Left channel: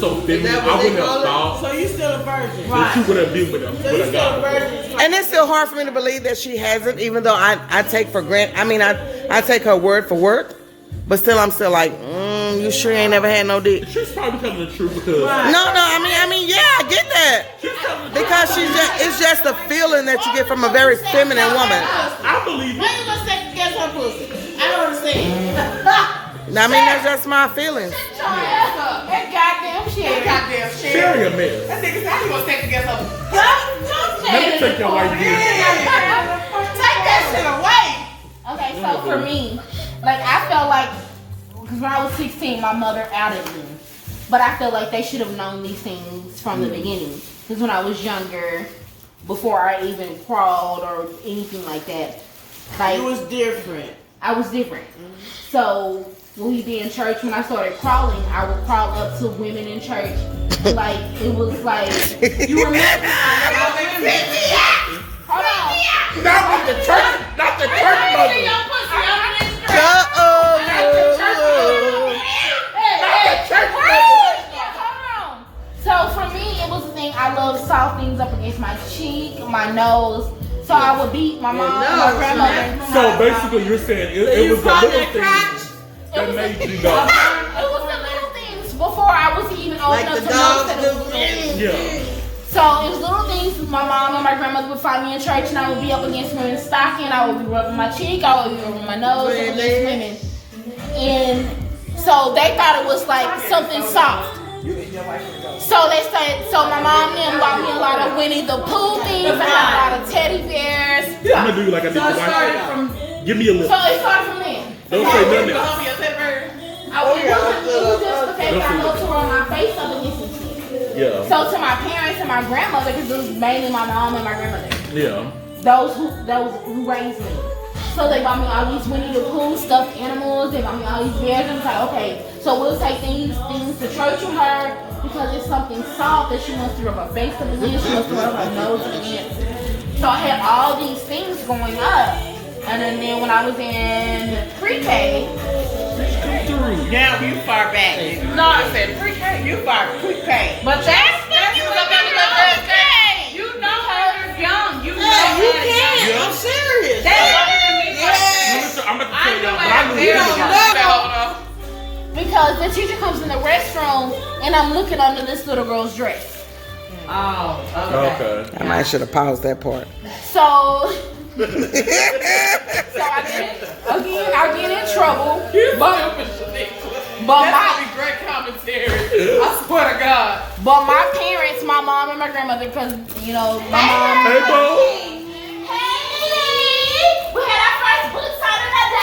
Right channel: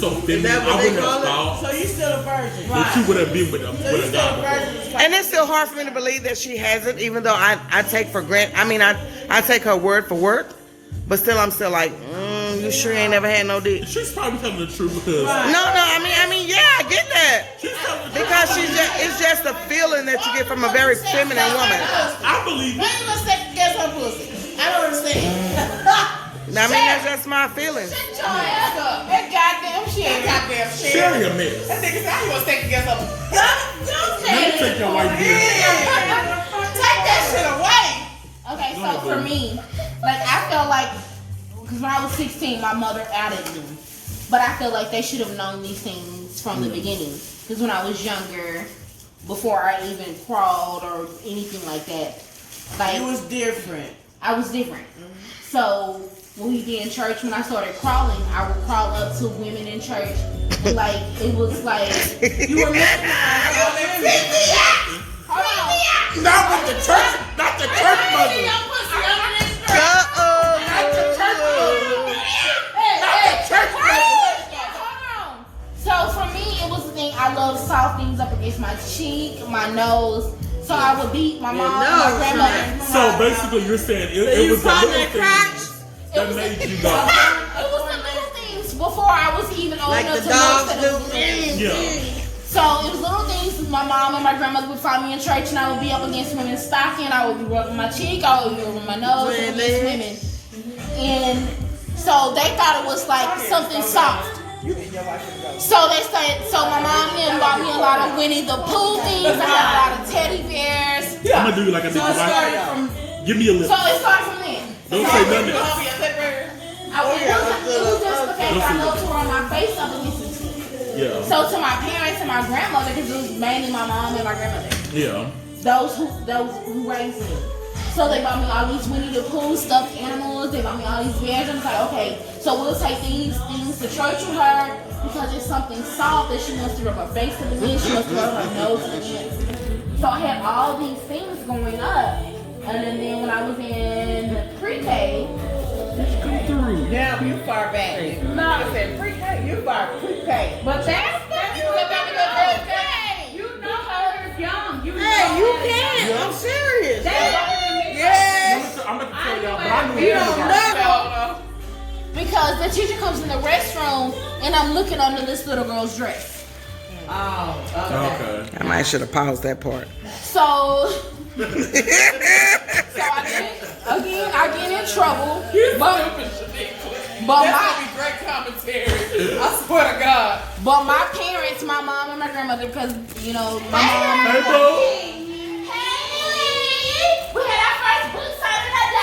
so feminine. I wouldn't have thought. So you still a virgin, Right. She would have been with him. So you still a virgin. And it's still hard for me to believe that she hasn't, even though I take for granted. I mean, I take her word for word, but still, I'm still like, you sure you ain't never had no dick? She's probably telling the truth because. No, I mean, yeah, I get that. Because it's just a feeling that you get from a very feminine woman. I believe Why you gonna second guess her pussy? I don't understand. I mean, that's just my feelings. That goddamn shit. Goddamn shit. Sherry a mess. That nigga said he gonna second guess her. Man, take your white dick. Take that shit away. Okay, so for me, like I felt like, because when I was 16, my mother outed me. But I feel like they should have known these things from the beginning. Because when I was younger, before I even crawled or anything like that, like It was different. I was different. So when we be in church, when I started crawling, I would crawl up to women in church. And like it was like you remember? Hold on. Not with the church. Not the church mother. So for me, it was the thing. I love soft things up against my cheek, my nose. So I would beat my mom and my grandmother. So basically, you're saying it was the little things that made you know. It was the little things before I was even old enough to notice that it was little things. Yeah. So it was little things. My mom and my grandmother would find me in church, and I would be up against women's stocking. I would be rubbing my cheek. I would be rubbing my nose up against women. And so they thought it was like something soft. So they said, so my mom then bought me a lot of Winnie the Pooh things. I had a lot of teddy bears. I'm gonna do like I did. So it started from. Give me a look. So it started from then. Don't say nothing. It was just the fact that I loved to rub my face up against these things. Yeah. So to my parents and my grandmother, because it was mainly my mom and my grandmother, Yeah. those who raised me. So they bought me all these Winnie the Pooh stuffed animals. They bought me all these bears. And it's like, okay, so we'll take these things to church with her because it's something soft that she wants to rub her face up against. She wants to rub her nose up against. So I had all these things going up. And then when I was in pre-K, Now you far back. No, I said pre-K. You far pre-K. But that's you was up in the pre-K. you know her young. You know Yeah, you her can. young. I'm serious. That's older than me. I'm about to I tell knew y'all, but it. I knew You it. don't Because the teacher comes in the restroom and I'm looking under this little girl's dress. Oh, okay. Okay. I might should have paused that part. So I get in trouble. But That's gonna be great commentary. I swear to God. But my parents, my mom and my grandmother, because you know my mom. Hey, bro. Hey, we had our first book signing that day.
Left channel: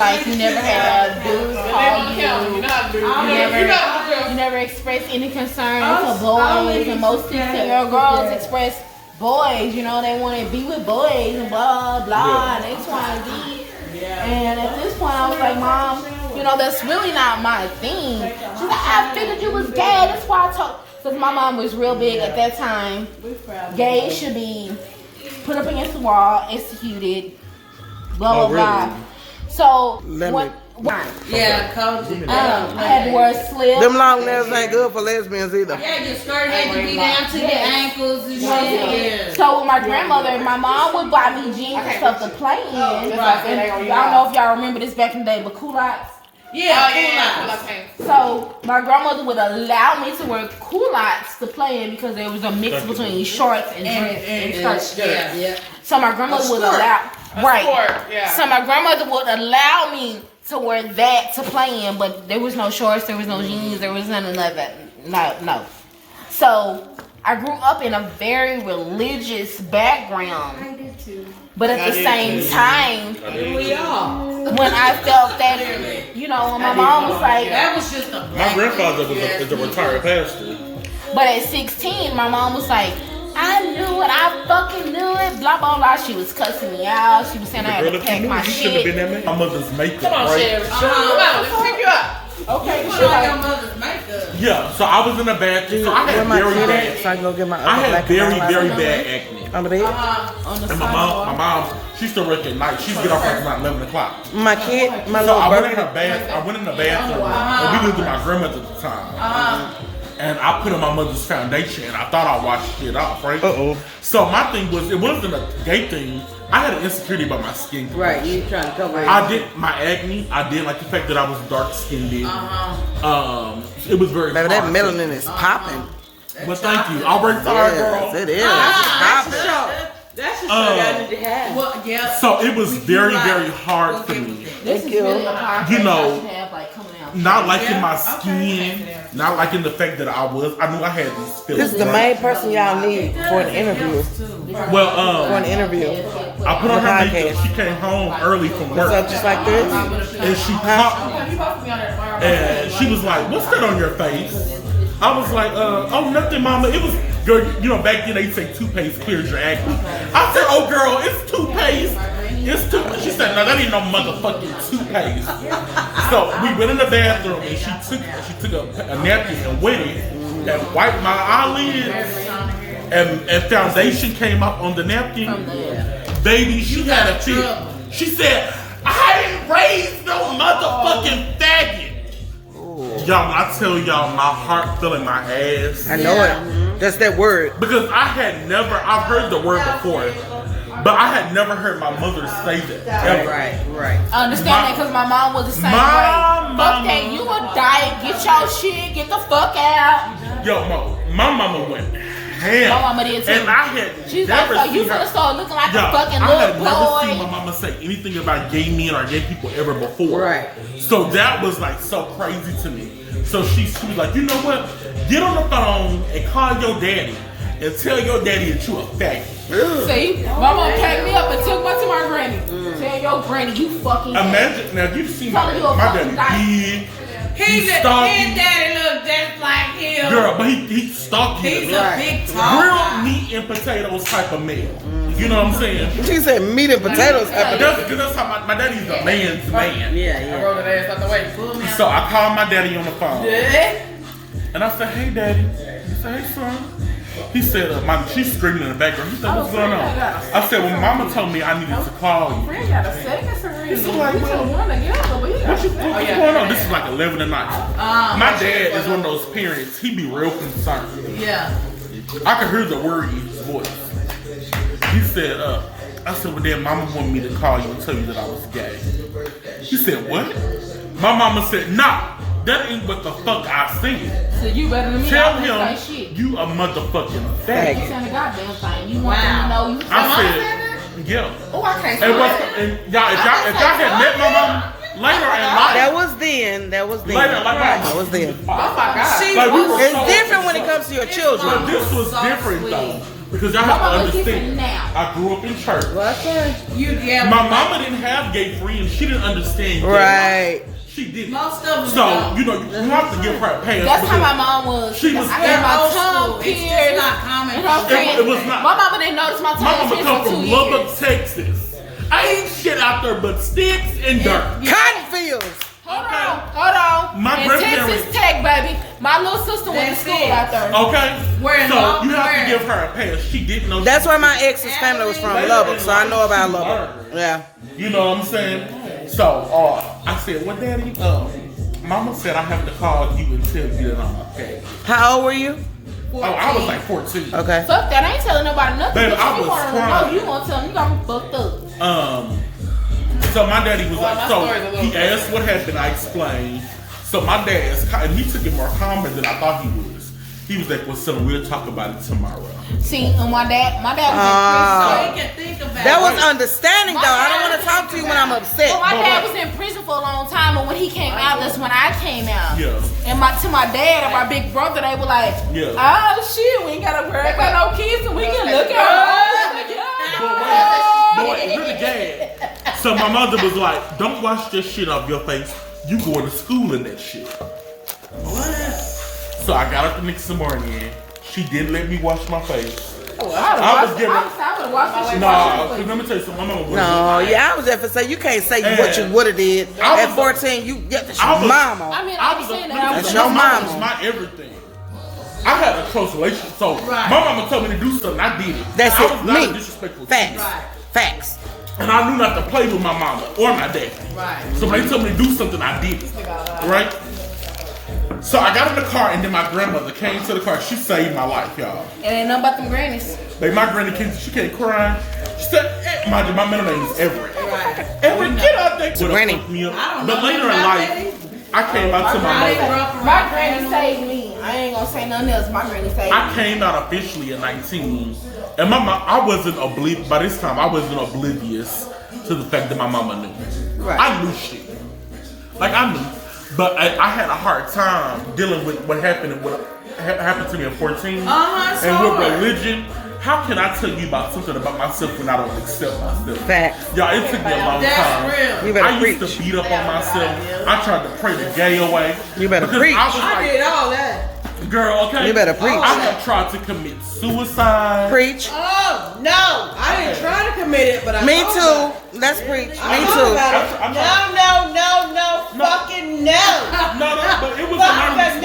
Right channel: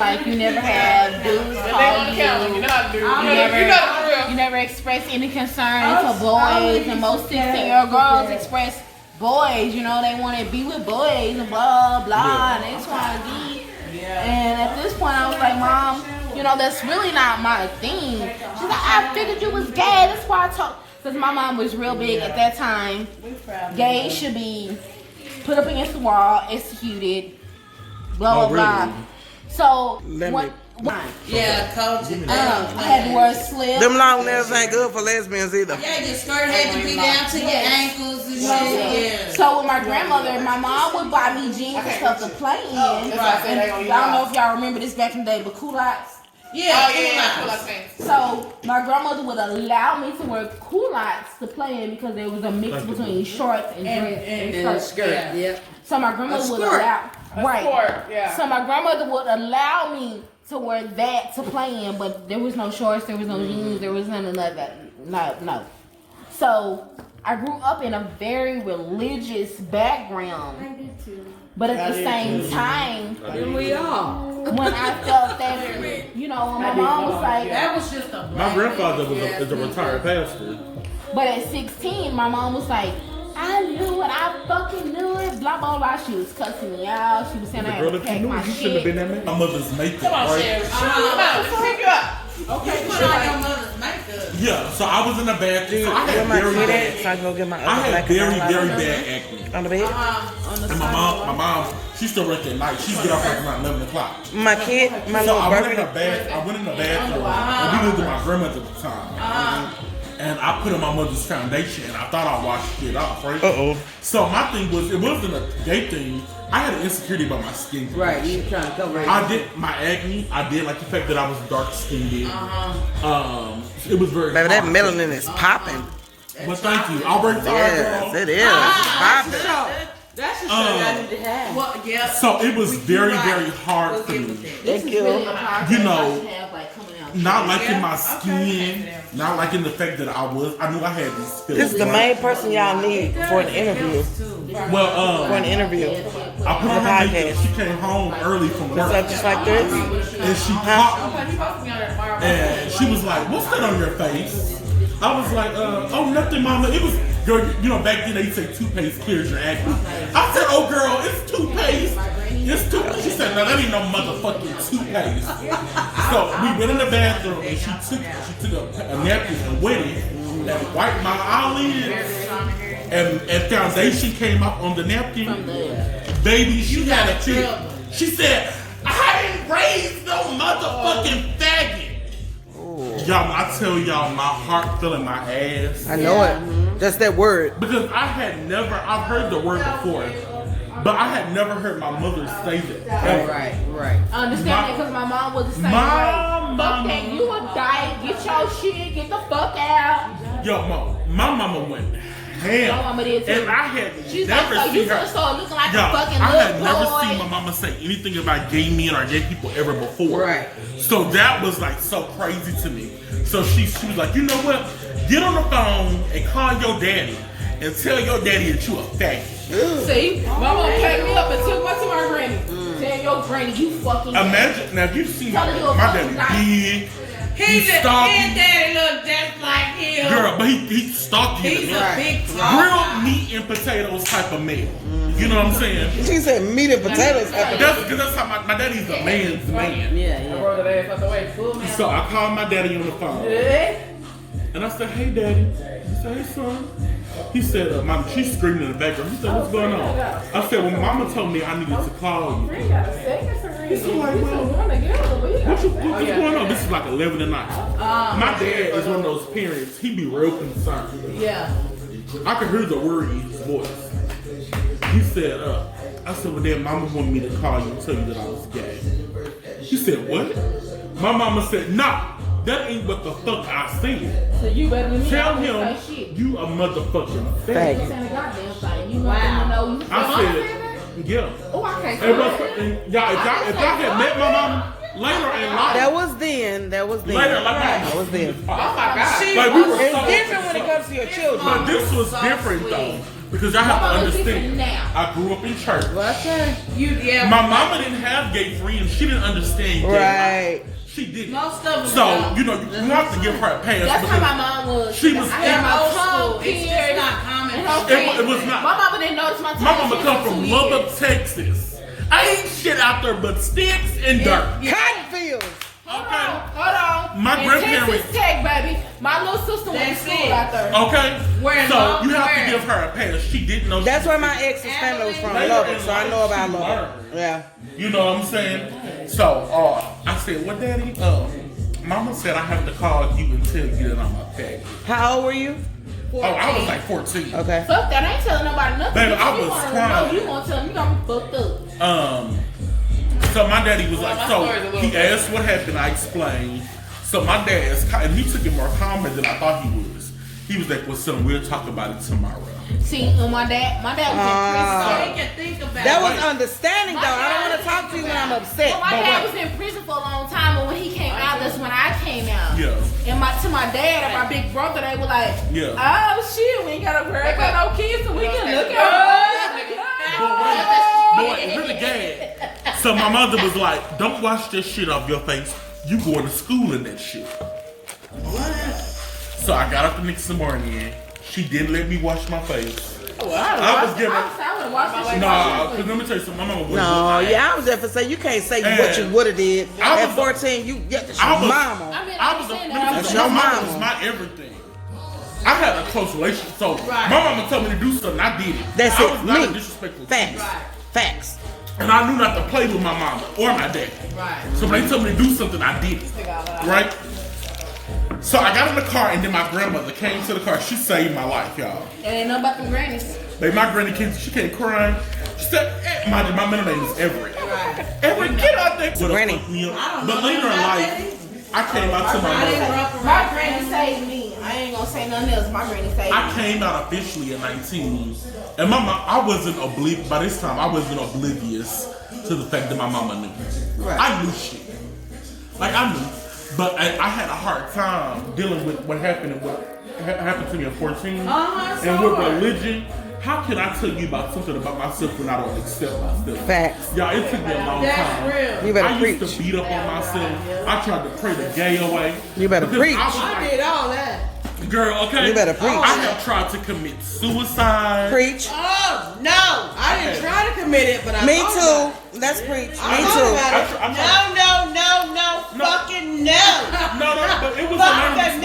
Like you never have dudes call you. You never express any concern for boys, and most 16-year-old girls express boys. You know they want to be with boys and blah blah and X, Y, and Z. And at this point, I was like, Mom, you know that's really not my thing. She's like, I figured you was gay. That's why I told. Because my mom was real big at that time. Gays should be put up against the wall, executed, blah blah blah. So Yeah, culture. I had to wear a slip. Them long nails ain't good for lesbians either. Yeah, your skirt had to be down to your ankles and shit. Yeah. So with my grandmother, my mom would buy me jeans and stuff to play in. And I don't know if y'all remember this back in the day, but culottes. Yeah, So my grandmother would allow me to wear culottes to play in because there was a mix between shorts and skirts. Yeah. So my grandmother would allow So my grandmother would allow me to wear that to play in, but there was no shorts, there was no jeans, there was none of that. No. So I grew up in a very religious background. I did too. But at the same time, when I felt that, you know, when my mom was like, that was just a My grandfather is a retired pastor. but at 16, my mom was like, I knew it. I fucking knew it. Blah, blah, blah. She was cussing me out. She was saying I had to pack my shit. My mother's makeup, right? Let's pick you up. Okay, Yeah, so I was in the bathroom. So I had very bad. So I can go get my I had very bad acne. On the bed? And my mom, she still work at night. She'd get off like around 11 o'clock. My kid, my So little I went in baby. the bathroom. I went in the bathroom. And we lived with my grandmother at the time. And I put on my mother's foundation, and I thought I washed it off, right? So my thing was, it wasn't a gay thing. I had an insecurity about my skin. Right, you trying to cover it. I did my acne. I did like the fact that I was dark skinned. It was very. Baby, that hard. melanin is popping. But thank you. I'll break hard, girl. Yes, it is. It's popping. That's the show I need to have. Well, yeah. So it was very, very hard for me. Thank you. You know, not liking my skin, not liking the fact that I knew I had these feelings. This is the main person y'all need for an interview. Well, For an interview. I put on her podcast. makeup. She came home early from work. So just like this? And she popped me. And she was like, "What's that on your face?" I was like, "Oh, nothing, mama. It was, girl, you know, back then they say toothpaste clears your acne." I said, "Oh, girl, it's toothpaste. It's toothpaste." She said, "No, that ain't no motherfucking toothpaste." So we went in the bathroom and she took a napkin and wet it and wiped my eyelids. And foundation came up on the napkin. Baby, she had a fit. She said, "I didn't raise no motherfucking faggot." Y'all, I tell y'all, my heart fell in my ass. I know it. That's that word. Because I've heard the word before, but I had never heard my mother say that. Ever. Right. I understand that because my mom was the same way. Fuck that, you a diet, get your shit, get the fuck out. Yo, my mama went ham. My mama did too. And I had She's never like, seen you her. start looking like Yo, a fucking I had little never boy. seen my mama say anything about gay men or gay people ever before. Right. So that was like so crazy to me. So she was like, "You know what? Get on the phone and call your daddy and tell your daddy that you a faggot." See, my mom packed me up and took me to my granny. Tell your granny you fucking. Imagine now, you've seen my daddy big. He's His stalky. daddy look just like him. Girl, but he stalky to He's me. a big talker. Grilled meat and potatoes type of meal. You know what I'm saying? She said meat and potatoes happen. That's how my daddy's a man's man. Yeah. So I called my daddy on the phone. And I said, "Hey, daddy." He said, "Hey, son." He said, she's screaming in the background. He said, "What's going on?" I said, "Well, mama told me I needed to call you." He's like, "Well, what's going on?" This is like 11 at night. My dad is one of those parents, he be real concerned. Yeah. I could hear the worry in his voice. He said, I said, "Well, then mama wanted me to call you and tell you that I was gay." He said, "What?" My mama said, "No, that ain't what the fuck I said." So you better than me. Tell him you a motherfucking faggot. Wow. I said, "Yeah." Oh, I can't. And y'all, if y'all had met my mama later in life, That was then. later, like my That was then. like we were It's so different when it comes to your But children. this was different though, because y'all have to understand. I grew up in church. My mama didn't have gay friends. She didn't understand gay. Right. She didn't. Most of them So don't. you know you have to give her a pass. That's because how my mom was. She was. I had my tongue It's just pierced. not common. It was not. My mama didn't notice my tongue. My mama pierced come for from 2 Lubbock, years. Texas. I ain't shit out there but sticks and dirt. Cotton fields. Okay. Hold on. My And grandparents- Texas Tech, baby. My little sister went to That's school it. out there. Okay. Where So mom- you have where? to give her a pass. She didn't know. That's where my ex's family was from, Lubbock. So I know about Lubbock. Yeah. You know what I'm saying? So I said, "Well, daddy, mama said I have to call you and tell you that I'm a faggot." How old were you? Oh, I was like 14. Okay. Fuck that. I ain't telling nobody nothing. Baby, If I you was wanna crying. know, you gonna tell me you got me fucked up. So my daddy was like, so he asked what happened. I explained. So my dad, and he took it more calmer than I thought he was. He was like, "Well, son, we'll talk about it tomorrow." See, when my dad was in prison. You can think about That was it. understanding though. I don't want to talk to you when I'm upset. Well, my dad was in prison for a long time, but when he came out, that's when I came out. Yeah. And to my dad, my big brother, they were like, Yeah. "Oh shit, we ain't got no girl, got no kids, and we can look at her." But wait, really gay. So my mother was like, "Don't wash this shit off your face. You going to school in that shit." So I got up the next morning. She didn't let me wash my face. I was giving. No, Because let me tell you something. My mama was. No, yeah, I was there for say you can't say what you would have did at 14. You get the mama. I was. That's My your mama was mama. my everything. I had a close relationship, so my mama told me to do something. I did it. That's I it. was not a Me. disrespectful Facts. kid. Facts. And I knew not to play with my mama or my dad. So when they told me to do something, I did it. Right? So I got in the car, and then my grandmother came to the car. She saved my life, y'all. It ain't nothing about them grannies. Like my granny came, she came crying. She said, my middle name is Everett. Everett, get out there. Granny. But later in life, I came out to my mother. My granny saved me. I ain't gonna say nothing else. My granny saved me. I came out officially at 19, and my mom, I wasn't oblivious. By this time, I wasn't oblivious to the fact that my mama knew. I knew shit. Like I knew, but I had a hard time dealing with what happened and what happened to me at 14, and with religion. How can I tell you about something about myself when I don't accept myself? Facts. Y'all, it took me a long time. You better I used preach. to beat up on myself. I tried to pray the gay away. You better Because preach. I was like, did all that. girl, okay? You better preach. I have tried to commit suicide. Preach. Oh no, I didn't try to commit it, but I Me thought too. Let's preach. about it. Me I too. thought about it. No, fucking no. No, but it was Fucking anonymous.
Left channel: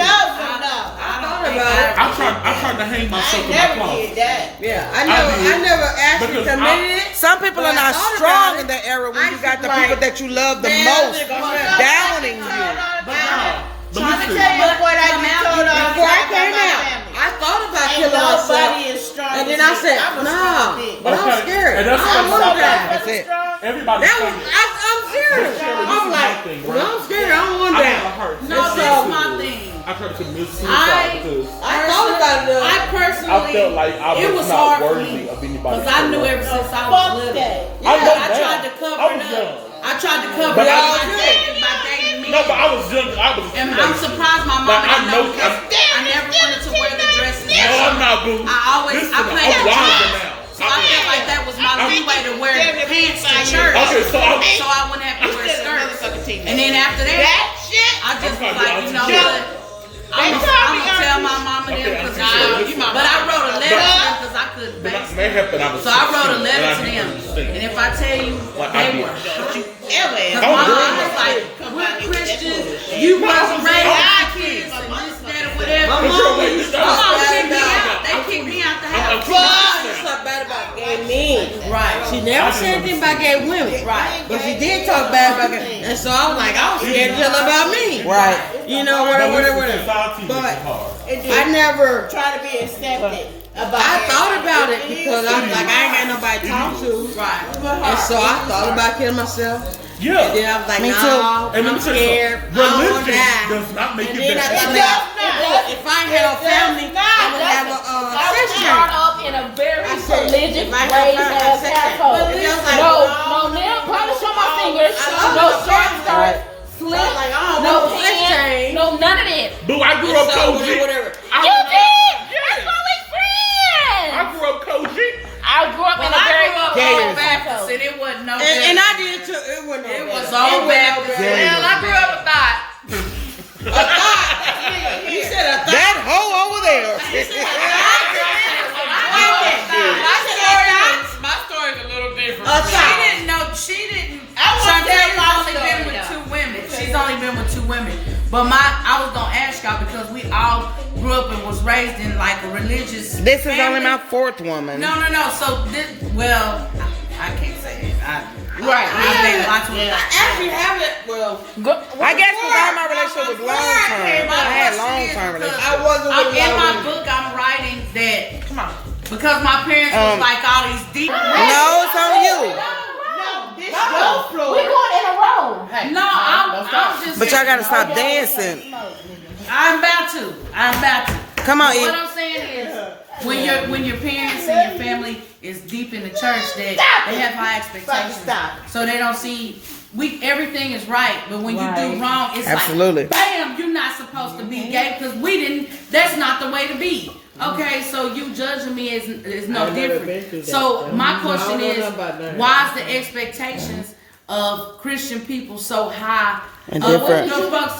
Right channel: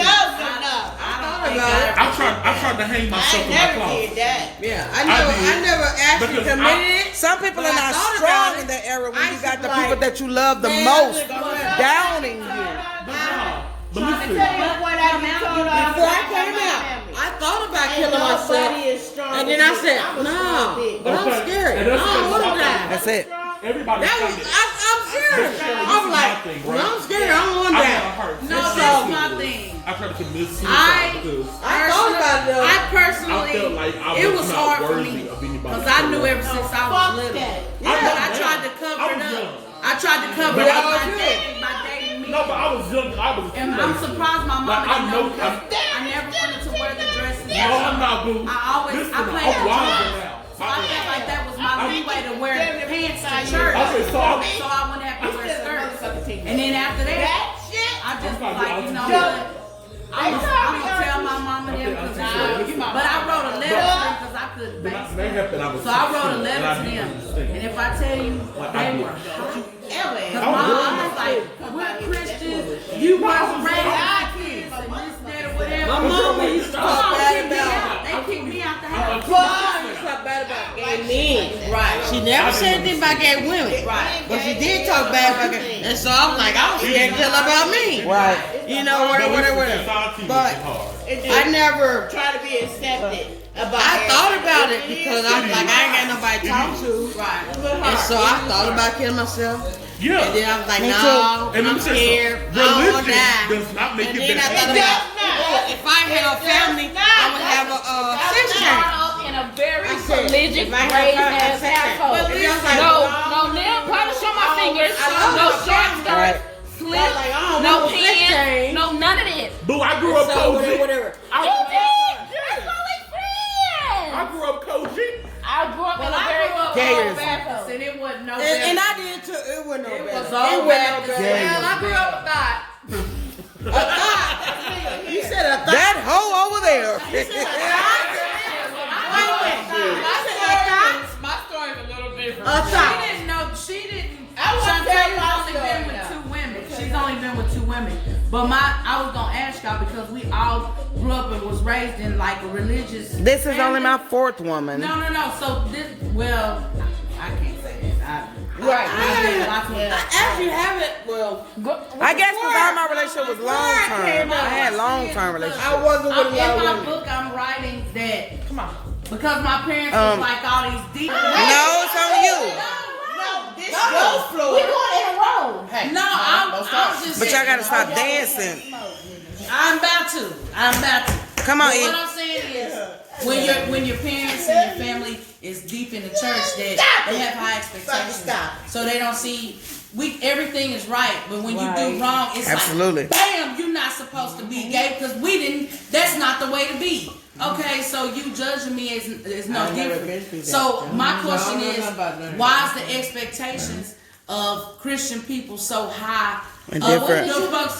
I I tried to hang myself in my closet. Yeah, I I did. never actually Because committed it. Some people are not strong in that era when you got the people that you love the most downing you. But listen, Before I came out, I thought about killing myself, and then I said, nah, but I'm scared. And that's I don't want to die. That's it. everybody That was, saying it. I'm serious. But Sharon, this I'm is like, my thing, well, right? I'm scared. I don't want I that. had a heart. No, It's that's so my good. thing. I tried to commit suicide because I thought about it though. I I personally, felt like I it was was not hard for worthy me of anybody. because I knew ever since I was little. I tried to cover it up. I tried to cover But it I up was by dating men. No, but I was young. I was. And I'm surprised my mom Like, I didn't know- know because I never wanted to wear the dresses. No, I'm not, boo. I always, Listen, I played I'm the wiser drums. now. So I felt like that was my leeway to wear pants to church. Okay, so I. So I wouldn't have to wear skirts. And then after that, I just was like, you know what? I'm gonna tell my mama Okay, them I'm because sorry. but I wrote a letter to them because I couldn't But base that happened. I was. so I wrote a 16, letter and to I them. didn't understand. And if I tell you, Like, I they did. were shocked. Don't My do mom it. was like, we're Christians, you must raise our kids and this, that, or whatever. My mom used to My talk mom bad kicked me about out. They kicked me out the house. She talked bad about gay men. Right. She never said anything about gay women. Right. But she did talk bad about gay. And so I was like, I was scared to tell her about me. Right. You know, whatever. Society But makes it hard. I never. Try to be accepted. I thought about it because I was like, I ain't had nobody to talk to. Right. And so I thought about killing myself. Yeah. And then I was like, Me no, too. And let I'm me tell you scared. something. I don't want to Religion die. does not make And you then I better. thought about, if I ain't had no family, I would have a sister. Brought up in a very I said, religious, if I had raised a ass sister. household. But listen, No nail polish on my fingers, no short skirt, slip, like, I don't no know this pants, change. no none of that. Boo, I grew up So, Koji. whatever. You did! That's why we friends! I grew up Koji. I grew up in a I very grew up Gay all is- Baptist and it wasn't no And I better. did too. It wasn't no It better. was all Baptist. Gay Well, I grew up with that. You said a thought. That hoe over there. My story's a little different. A She thought. didn't know. She didn't. want to tell you my Chantel's only been story, with two women. She's only been with two women. But I was gonna ask y'all because we all grew up and was raised in like a religious. This is only family. my fourth woman. No. So this, well, I can't say it. Right. I've been lots of. I actually have it. Well, I guess because all my relationship was long term. I had long term relationships. I wasn't with a In lot my of women. book, I'm writing that. Come on. Because my parents was like all these deep. No, it's on you. This go floor. We going in a row. No, I'm just. But y'all gotta stop dancing. I'm about to. Come on, But what E. I'm saying is, when your parents and your family is deep in the church, that they have high expectations, so they don't see everything is right, but when you do wrong, it's Absolutely. like, bam, you're not supposed to be gay because we didn't. That's not the way to be. Okay, so you judging me is no I've never been different. through that. So my question No, is, about that. why is the expectations of Christian people so high. And different.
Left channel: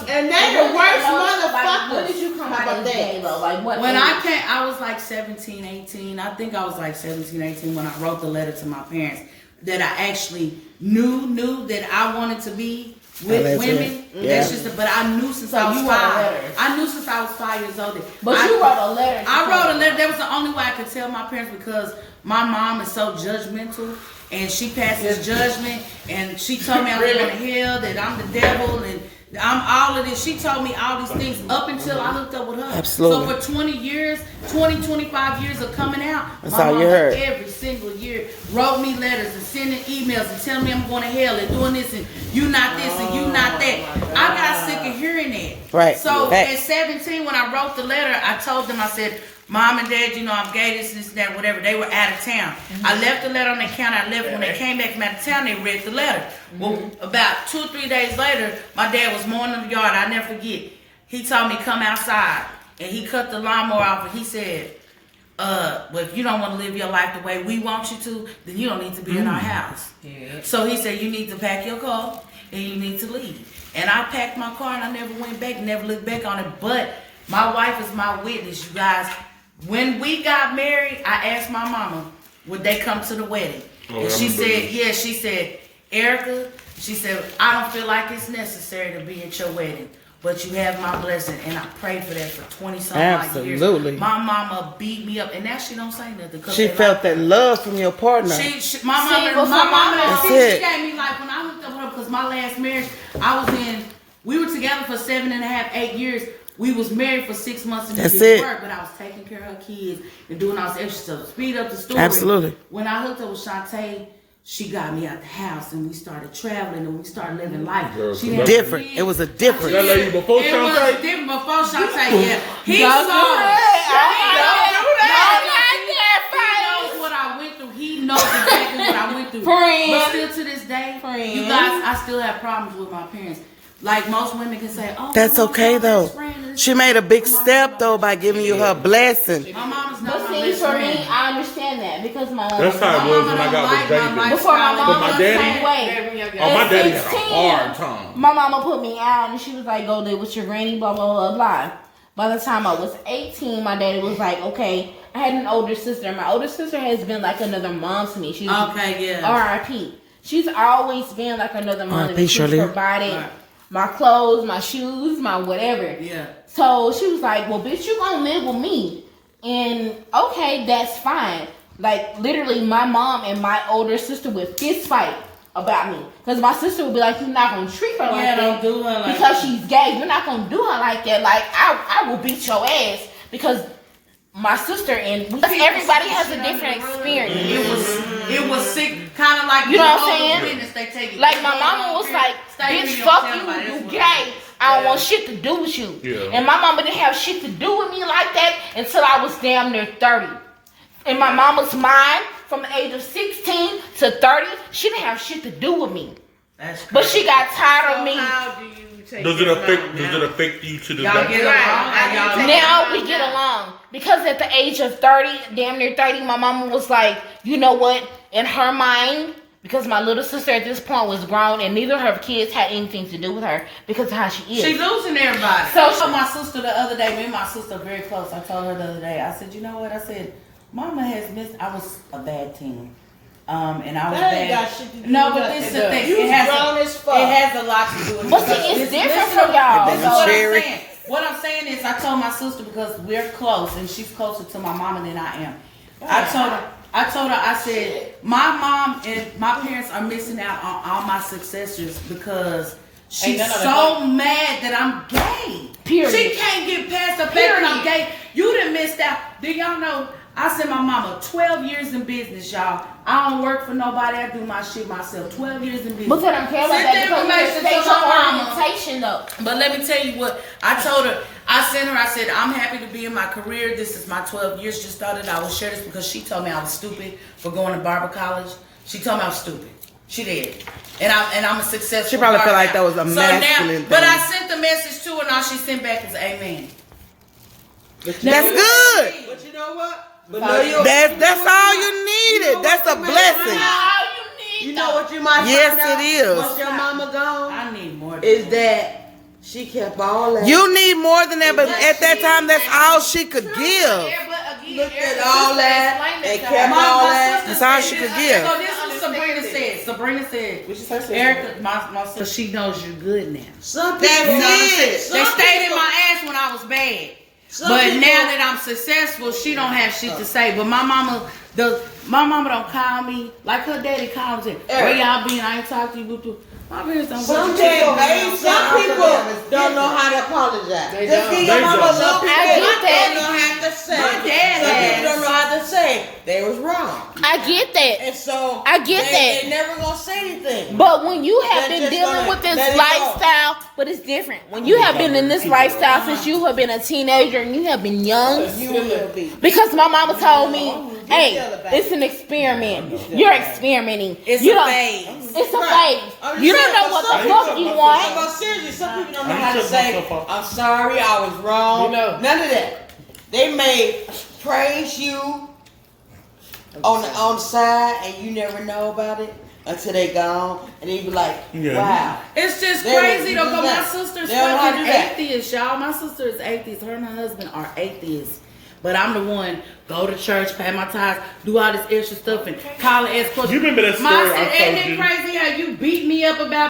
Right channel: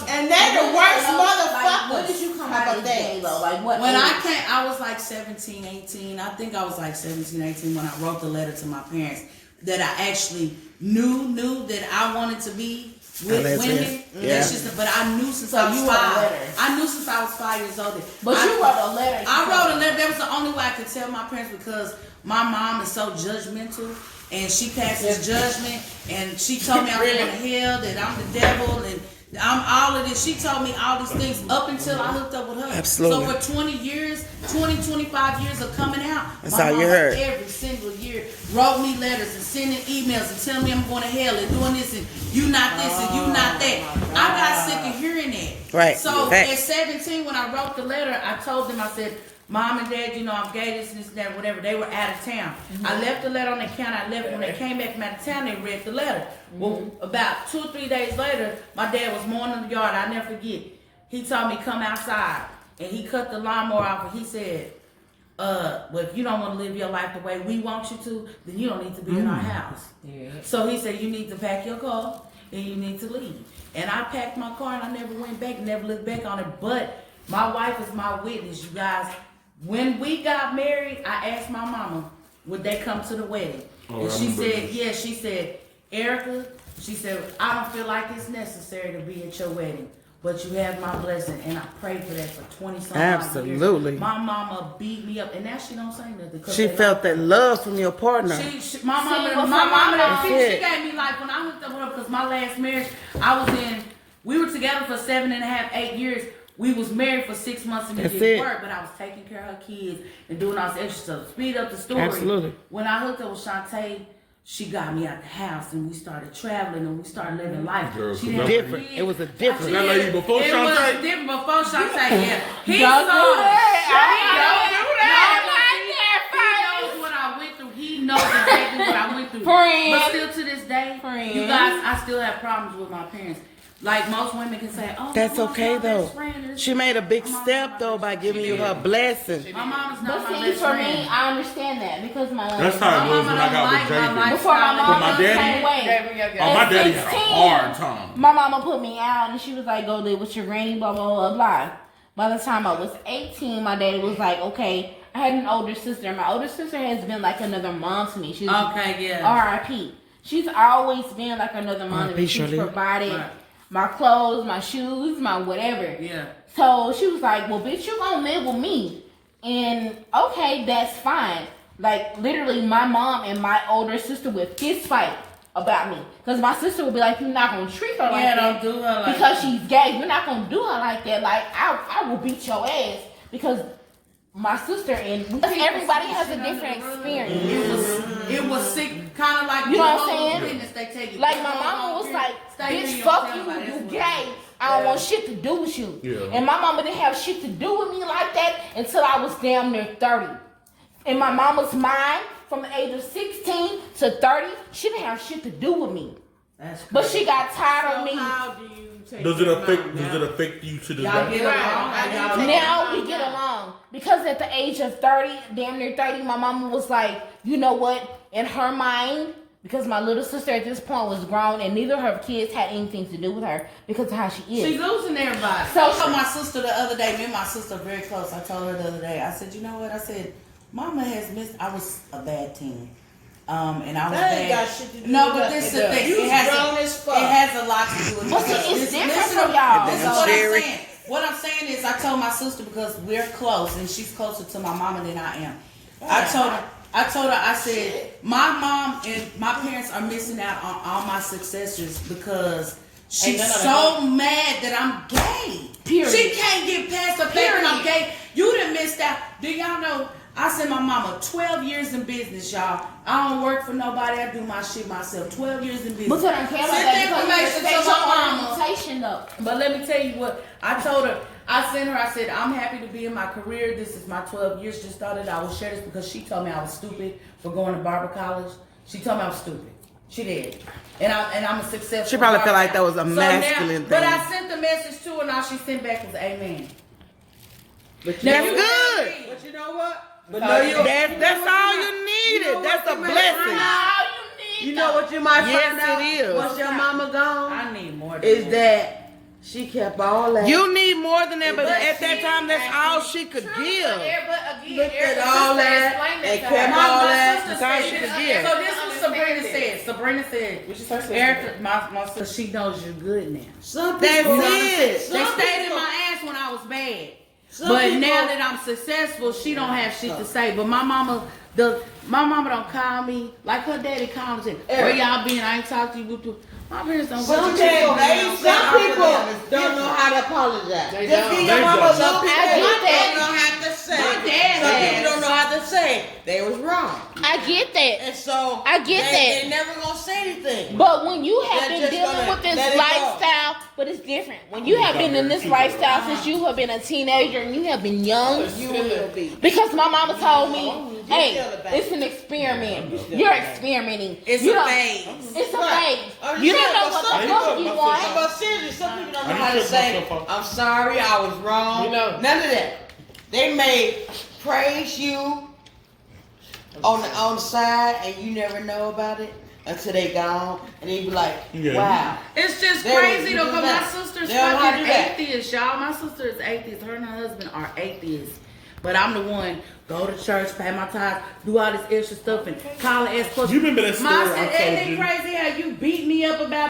And they're the worst motherfuckers. When did you come out of that? Like what? When I came, I was like 17, 18. I think I was like 17, 18 when I wrote the letter to my parents that I actually knew that I wanted to be with women. Yeah. That's just, but I knew since I was 5. I knew since I was 5 years old. But you wrote a letter. I wrote a letter. That was the only way I could tell my parents because my mom is so judgmental. And she passes judgment, and she told me I was going to hell, that I'm the devil, and I'm all of this. She told me all these things up until I hooked up with her. Absolutely. So for 25 years of coming out, that's my all mama you heard. every single year wrote me letters and sending emails and telling me I'm going to hell and doing this and you not this and you not that. I got sick of hearing that. Right. So at 17, when I wrote the letter, I told them, I said, Mom and Dad, you know, I'm gay, this, that, whatever. They were out of town. I left the letter on their counter. I left. When they came back from out of town, they read the letter. Well, about 2 or 3 days later, my dad was mowing in the yard. I never forget. He told me, come outside. And he cut the lawnmower off and he said, well, if you don't want to live your life the way we want you to, then you don't need to be in our house. Yeah. So he said, you need to pack your car and you need to leave. And I packed my car and I never went back, never looked back on it. But my wife is my witness, you guys. When we got married, I asked my mama, would they come to the wedding? And she said, yeah, she said, Erica, she said, I don't feel like it's necessary to be at your wedding, but you have my blessing, and I prayed for that for 20-something years. Absolutely. My mama beat me up, and now she don't say nothing. She felt that love from your partner. My mama, she gave me like when I hooked up with her, because my last marriage, we were together for 7.5, 8 years. We was married for 6 months and didn't work, but I was taking care of her kids and doing all this extra stuff. Speed up the story. Absolutely. When I hooked up with Shantae, she got me out the house and we started traveling and we started living life. Different. It was a different. That lady before It was Shantae? different before Shantae. Yeah. He knows what I went through. He knows exactly what I went through. But still to this day, you guys, I still have problems with my parents. Like most women can say, oh, that's okay though. She made a big step though by giving you her blessing. My mom's not but my see, best for friend. me, I understand that because my That's how it was when I got with David. before my mom was the daddy- same way. Oh, my At daddy had a 16, hard time. my mama put me out and she was like, go live with your granny, blah, blah, blah, blah. By the time I was 18, my daddy was like, okay, I had an older sister. My older sister has been like another mom to me. She's R.I.P. She's always been like another mom to me. She's provided my clothes, my shoes, my whatever. Yeah. So she was like, well, bitch, you gonna live with me. And okay, that's fine. Like, literally, my mom and my older sister would fist fight about me. Because my sister would be like, you're not gonna treat her like that. Don't do her like because she's gay. You're not gonna do her like that. Like, I will beat your ass. Because my sister and everybody has a different experience. It was sick, kind of like you know what I'm saying. Witness, they take it. Like my mama was like, "Bitch, fuck you, you gay. I don't want shit to do with you." Yeah. And my mama didn't have shit to do with me like that until I was damn near 30. In my mama's mind, from the age of 16 to 30, she didn't have shit to do with me. That's but she got tired of me. How do you take Does it affect you to the y'all get along? Now we get along. Because at the age of 30, damn near 30, my mama was like, you know what? In her mind, because my little sister at this point was grown and neither of her kids had anything to do with her because of how she is. She's losing everybody. So I told my sister the other day, me and my sister are very close. I told her the other day, I said, you know what? I said, Mama has missed, I was a bad teen. And I was bad. No, but this is the thing. It has a lot to do with it. But see, it's different from y'all. This is what I'm saying. What I'm saying is I told my sister because we're close and she's closer to my mama than I am. I told her, I said, my mom and my parents are missing out on all my successors because she's so mad that I'm gay. Period. She can't get past the fact that I'm gay. You done missed out. Do y'all know? I sent my mama 12 years in business, y'all. I don't work for nobody. I do my shit myself. 12 years in business. But I don't care about that information though. But let me tell you what I told her. I sent her. I said, I'm happy to be in my career. This is my 12 years. Just thought that I would share this because she told me I was stupid for going to Barber College. She told me I was stupid. She did. And I'm a successful. She probably felt like that was a masculine thing. But I sent the message to her and all she sent back was amen. That's good. But you know what? That's all you needed. That's a blessing. You know what you might Yes, find out? it is. Once your mama gone, I need more than is that she kept all that. You need more than that, but at that time, that's all she could give. But again, Looked at Erica's all sister that explained and to kept her. all that. That's all she could give. So this is what Sabrina said. Sabrina said, What you say, sister? Erica, my sister, she knows you good now. Some That's people, it. They stayed in my ass when I was bad. But now that I'm successful, she don't have shit to say. But my mama don't call me like her daddy calls him. Where y'all been? I ain't talked to you. My parents don't. some people don't know how to apologize. Just give your mama a little bit. I get that. Don't know how to say. My dad Some has. people don't know how to say they was wrong, I get that. and so I get they never gonna say anything. But when you have They're been just dealing gonna with this let it go. lifestyle, but it's different. When you have been in this lifestyle since you have been a teenager and you have been young, You will be. because my mama told me, hey, it's an experiment. You're experimenting. It's You a don't- phase. It's a phase. You don't know what the fuck you want. But seriously, some people don't know I how to shut say, myself up. I'm sorry, I was wrong. None of that. They may praise you on the side and you never know about it until they gone. And they be like, Yeah. wow. It's just They crazy will though, do but my that. sister's They don't know how to fucking do that. atheist, y'all. My sister is atheist. Her and her husband are atheists. But I'm the one, go to church, pay my tithes, do all this extra stuff, and call and ask questions. You remember that story I Isn't told it you? crazy how you beat me up about